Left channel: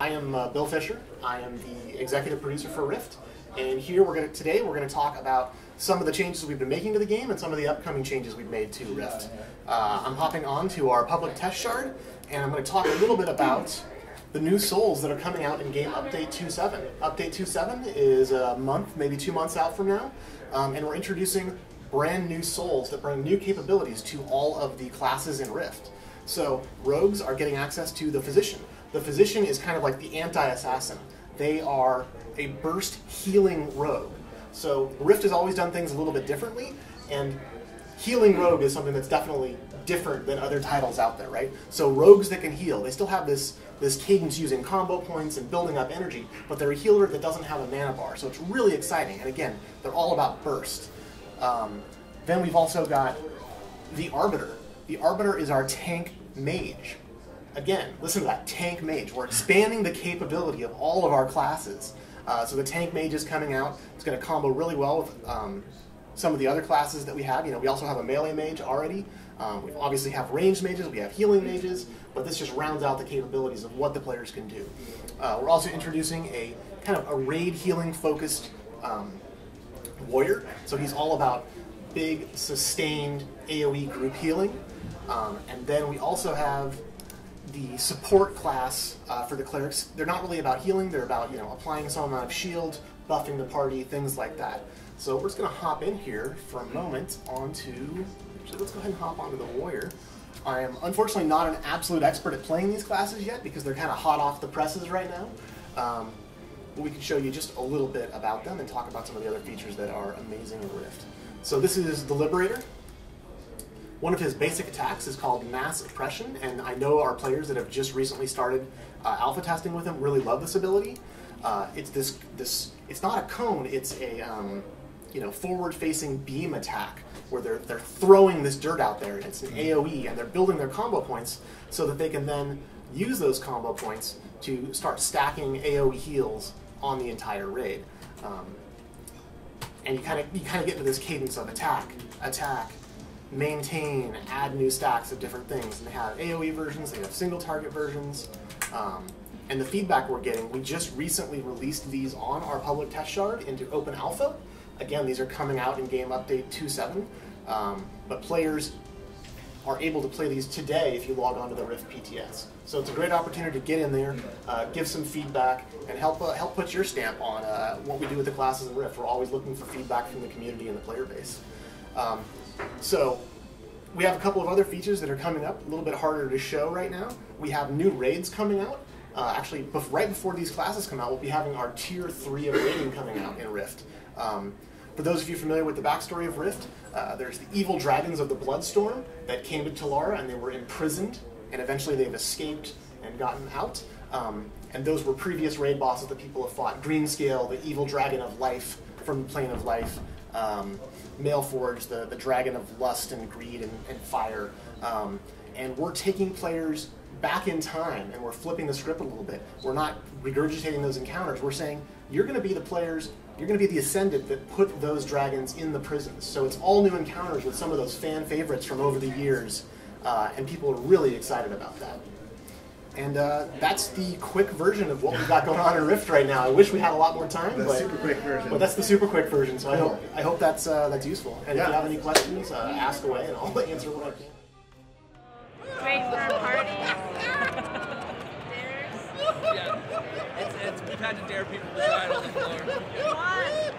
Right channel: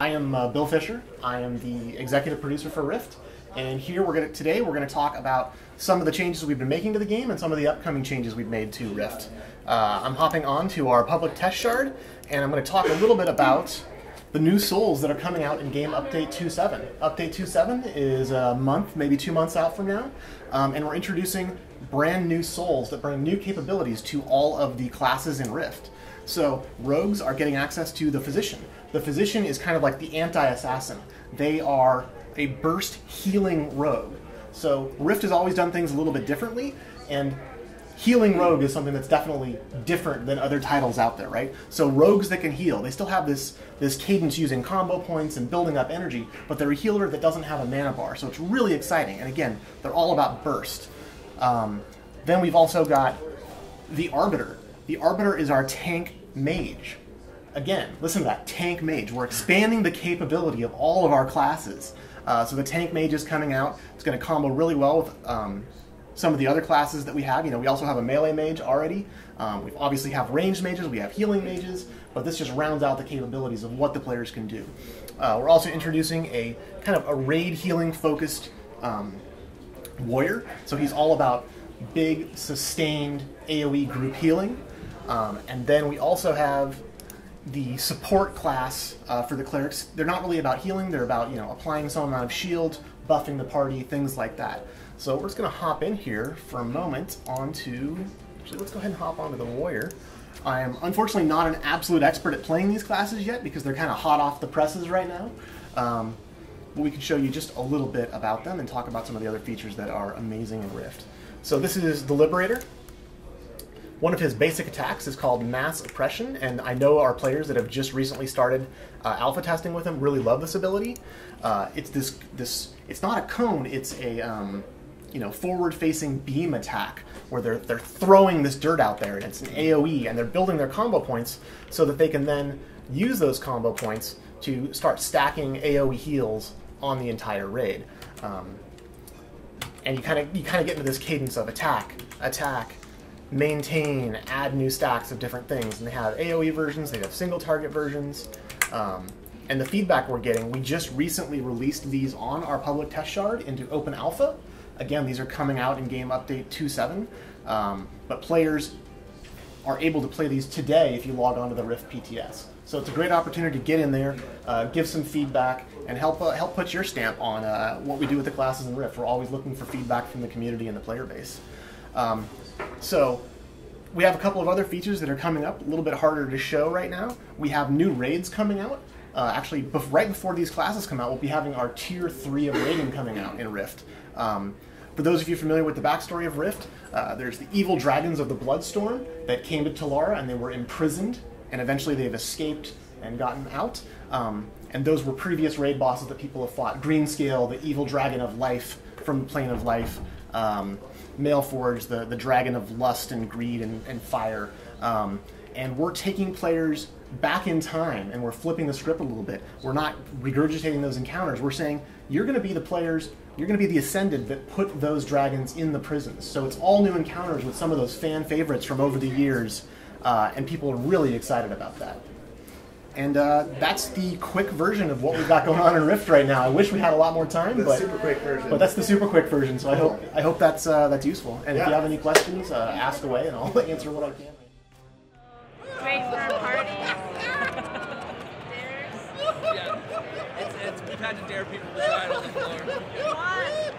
I am Bill Fisher. I am the executive producer for Rift, and here today we're going to talk about some of the changes we've been making to the game and some of the upcoming changes we've made to Rift. I'm hopping on to our public test shard, and I'm going to talk a little bit about the new souls that are coming out in game Update 2.7. Update 2.7 is a month, maybe 2 months out from now, and we're introducing brand new souls that bring new capabilities to all of the classes in Rift. So rogues are getting access to the Physician. The Physician is kind of like the anti-assassin. They are a burst healing rogue. So Rift has always done things a little bit differently, and healing rogue is something that's definitely different than other titles out there, right? So rogues that can heal, they still have this cadence using combo points and building up energy, but they're a healer that doesn't have a mana bar, so it's really exciting. And again, they're all about burst. Then we've also got the Arbiter. The Arbiter is our tank mage. Again, listen to that, tank mage. We're expanding the capability of all of our classes. So the tank mage is coming out. It's going to combo really well with some of the other classes that we have. You know, we also have a melee mage already. We obviously have ranged mages, we have healing mages, but this just rounds out the capabilities of what the players can do. We're also introducing a kind of a raid healing focused warrior. So he's all about big, sustained AoE group healing. And then we also have the support class for the clerics. They're not really about healing, they're about, you know, applying some amount of shield, buffing the party, things like that. So we're just going to hop in here for a moment onto, actually let's go ahead and hop onto the warrior. I am unfortunately not an absolute expert at playing these classes yet because they're kind of hot off the presses right now. But we can show you just a little bit about them and talk about some of the other features that are amazing in Rift. So this is the Liberator. One of his basic attacks is called Mass Oppression, and I know our players that have just recently started alpha testing with him really love this ability. It's it's not a cone, it's a forward-facing beam attack where they're throwing this dirt out there, and it's an AoE, and they're building their combo points so that they can then use those combo points to start stacking AoE heals on the entire raid. And you kind of get into this cadence of attack, maintain, add new stacks of different things. And they have AoE versions, they have single target versions. And the feedback we're getting, we just recently released these on our public test shard into open alpha. Again, these are coming out in game update 2.7. But players are able to play these today if you log on to the Rift PTS. So it's a great opportunity to get in there, give some feedback, and help put your stamp on what we do with the classes in Rift. We're always looking for feedback from the community and the player base. So we have a couple of other features that are coming up, a little bit harder to show right now. We have new raids coming out. Actually, right before these classes come out, we'll be having our Tier 3 of raiding coming out in Rift. For those of you familiar with the backstory of Rift, there's the evil dragons of the Bloodstorm that came to Talara and they were imprisoned, and eventually they've escaped and gotten out. And those were previous raid bosses that people have fought. Greenscale, the evil dragon of life from the plane of life. Mailforge, the dragon of lust and greed and fire. And we're taking players back in time and we're flipping the script a little bit. We're not regurgitating those encounters. We're saying, you're going to be the players, you're going to be the Ascended that put those dragons in the prisons. So it's all new encounters with some of those fan favorites from over the years, and people are really excited about that. And that's the quick version of what we've got going on in Rift right now. I wish we had a lot more time, but super quick version. But that's the super quick version. So I hope that's useful. And if you have any questions, ask away, and I'll answer what I can. Great for a party. Yeah, we've had to dare people to ride on the floor. What?